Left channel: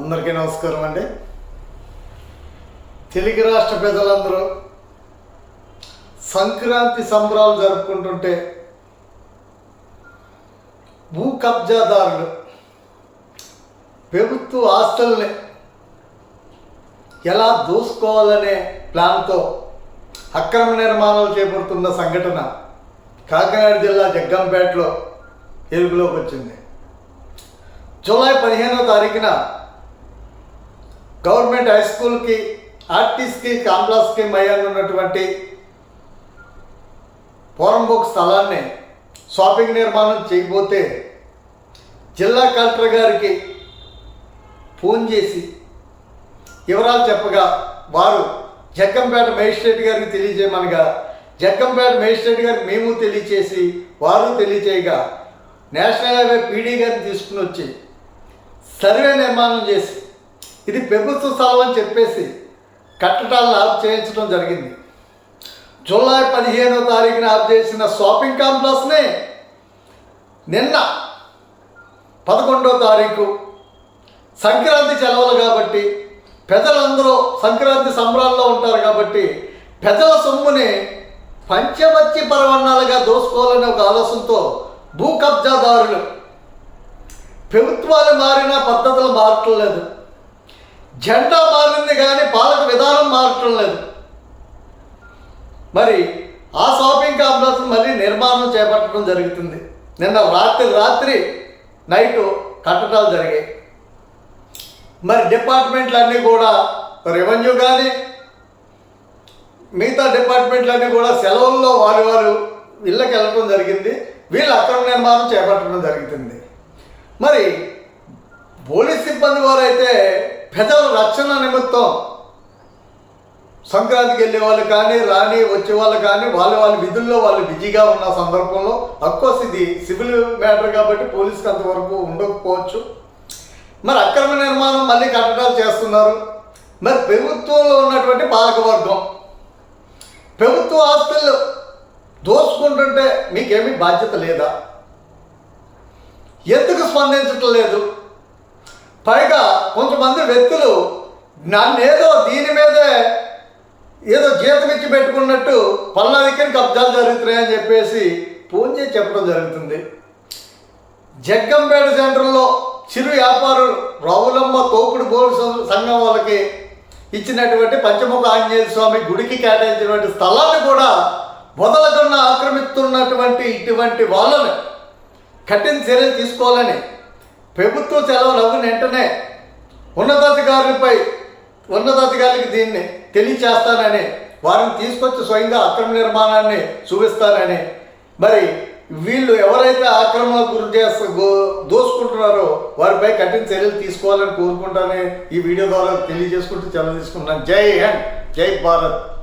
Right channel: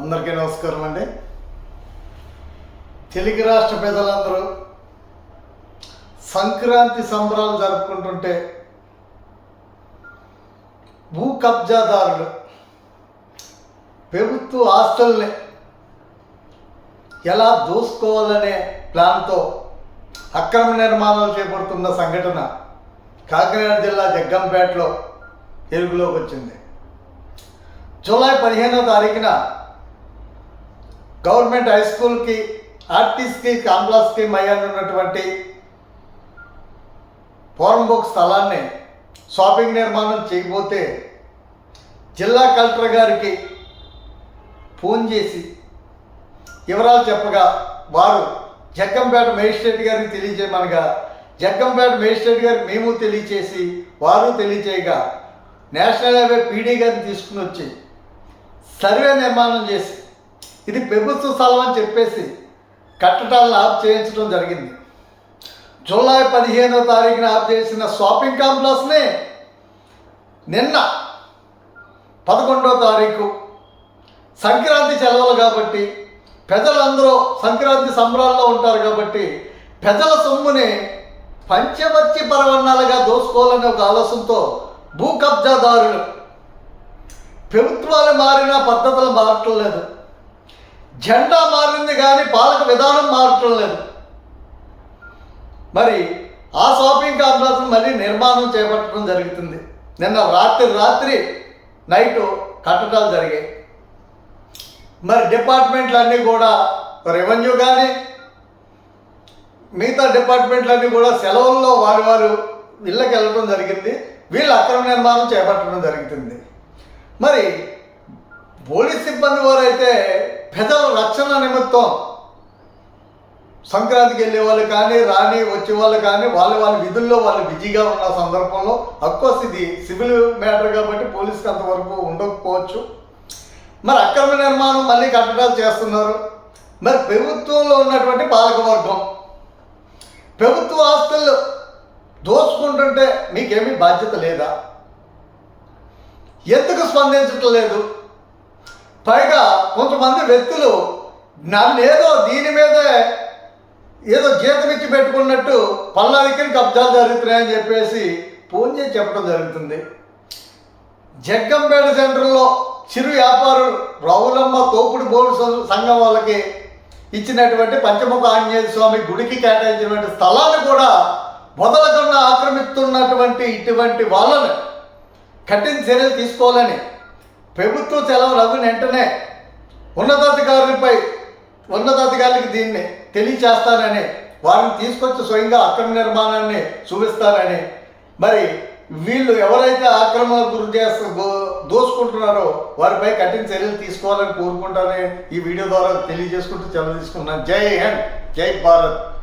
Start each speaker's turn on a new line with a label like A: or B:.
A: అందరికీ నమస్కారం అండి. తెలుగు రాష్ట్ర ప్రజలందరూ సంక్రాంతి సంబరాలు జరుపుకుంటుంటే భూ కబ్జాదారులు ప్రభుత్వ ఆస్తుల్ని ఎలా దోసుకోవాలనే ప్లాన్తో అక్రమ నిర్మాణాలు చేపడుతున్న సంఘటన కాకినాడ జిల్లా జగ్గంపేటలో ఎరుగులోకి వచ్చింది. జూలై పదిహేనో తారీఖున గవర్నమెంట్ హై స్కూల్కి ఆర్టీస్కి కాంప్లాస్కి మయాన్ ఉన్నటువంటి పోరంబోక్ స్థలాన్ని షాపింగ్ నిర్మాణం చేయకపోతే జిల్లా కలెక్టర్ గారికి ఫోన్ చేసి వివరాలు చెప్పగా వారు జగ్గంపేట మేజిస్ట్రేట్ గారికి తెలియజేయమనగా జగ్గంపేట మేజిస్ట్రేట్ గారికి మేము తెలియచేసి వారు తెలియచేయగా నేషనల్ హైవే పీడీ గారిని తీసుకుని వచ్చి సర్వే నిర్మాణం చేసి ఇది ప్రభుత్వ స్థలం అని చెప్పేసి కట్టడాలను ఆఫ్ చేయించడం జరిగింది. జూలై పదిహేనో తారీఖున ఆఫ్ చేసిన షాపింగ్ కాంప్లెక్స్ని నిన్న పదకొండో తారీఖు సంక్రాంతి సెలవులు కాబట్టి ప్రజలందరూ సంక్రాంతి సంబరాల్లో ఉంటారు కాబట్టి ప్రజల సొమ్ముని పంచమచ్చి పరవన్నాలుగా దోసుకోవాలనే ఒక ఆలోచనతో భూ కబ్జాదారులు ప్రభుత్వాలు మారిన పద్ధతులు మారటం లేదు జెండా మారింది కానీ పాలక విధానం మారటం లేదు. మరి ఆ షాపింగ్ కాంప్లెక్స్ మళ్ళీ నిర్మాణం చేపట్టడం జరుగుతుంది. నిన్న రాత్రి రాత్రి నైటు కట్టడాలు జరిగాయి. మరి డిపార్ట్మెంట్లన్నీ కూడా రెవెన్యూ కానీ మిగతా డిపార్ట్మెంట్లన్నీ కూడా సెలవుల్లో వారి వారు ఇళ్ళకి వెళ్ళడం జరిగింది. వీళ్ళు అక్రమ నిర్మాణం చేపట్టడం జరుగుతుంది. మరి పోలీస్ సిబ్బంది వారైతే ప్రజల రక్షణ నిమిత్తం సంక్రాంతికి వెళ్ళే వాళ్ళు కానీ రాని వచ్చే వాళ్ళు కానీ వాళ్ళ వాళ్ళ విధుల్లో వాళ్ళు బిజీగా ఉన్న సందర్భంలో అఫ్కోర్స్ ఇది సివిల్ మ్యాటర్ కాబట్టి పోలీస్కి అంతవరకు ఉండకపోవచ్చు. మరి అక్రమ నిర్మాణం మళ్ళీ కట్టడాలు చేస్తున్నారు. మరి ప్రభుత్వంలో ఉన్నటువంటి పాలకవర్గం ప్రభుత్వ ఆస్తులు దోచుకుంటుంటే మీకేమీ బాధ్యత లేదా? ఎందుకు స్పందించటం లేదు పైగా కొంతమంది వ్యక్తులు నన్ను ఏదో దీని మీదే ఏదో జీతం ఇచ్చి పెట్టుకున్నట్టు పల్నాదికి కబ్జాలు జరుగుతున్నాయని చెప్పేసి ఫోన్ చేసి చెప్పడం జరుగుతుంది. జగ్గంపేట సెంటర్లో చిరు వ్యాపారులు రవులమ్మ తోపుడు బోర్డు సంఘం వాళ్ళకి ఇచ్చినటువంటి పంచముఖ ఆంజనేయ స్వామి గుడికి కేటాయించినటువంటి స్థలాన్ని కూడా వదలకుండా ఆక్రమిస్తున్నటువంటి ఇటువంటి వాళ్ళని కఠిన చర్యలు తీసుకోవాలని ప్రభుత్వ సెలవులు అవ్విన వెంటనే ఉన్నతాధికారులపై ఉన్నతాధికారులకి దీన్ని తెలియచేస్తానని వారిని తీసుకొచ్చి స్వయంగా అక్రమ నిర్మాణాన్ని చూపిస్తానని. మరి వీళ్ళు ఎవరైతే ఆక్రమణకు గురి చేస్తూ దోసుకుంటున్నారో వారిపై కఠిన చర్యలు తీసుకోవాలని కోరుకుంటానని ఈ వీడియో ద్వారా తెలియజేసుకుంటూ సెలవు తీసుకుంటున్నాను. జై హింద్ జై భారత్.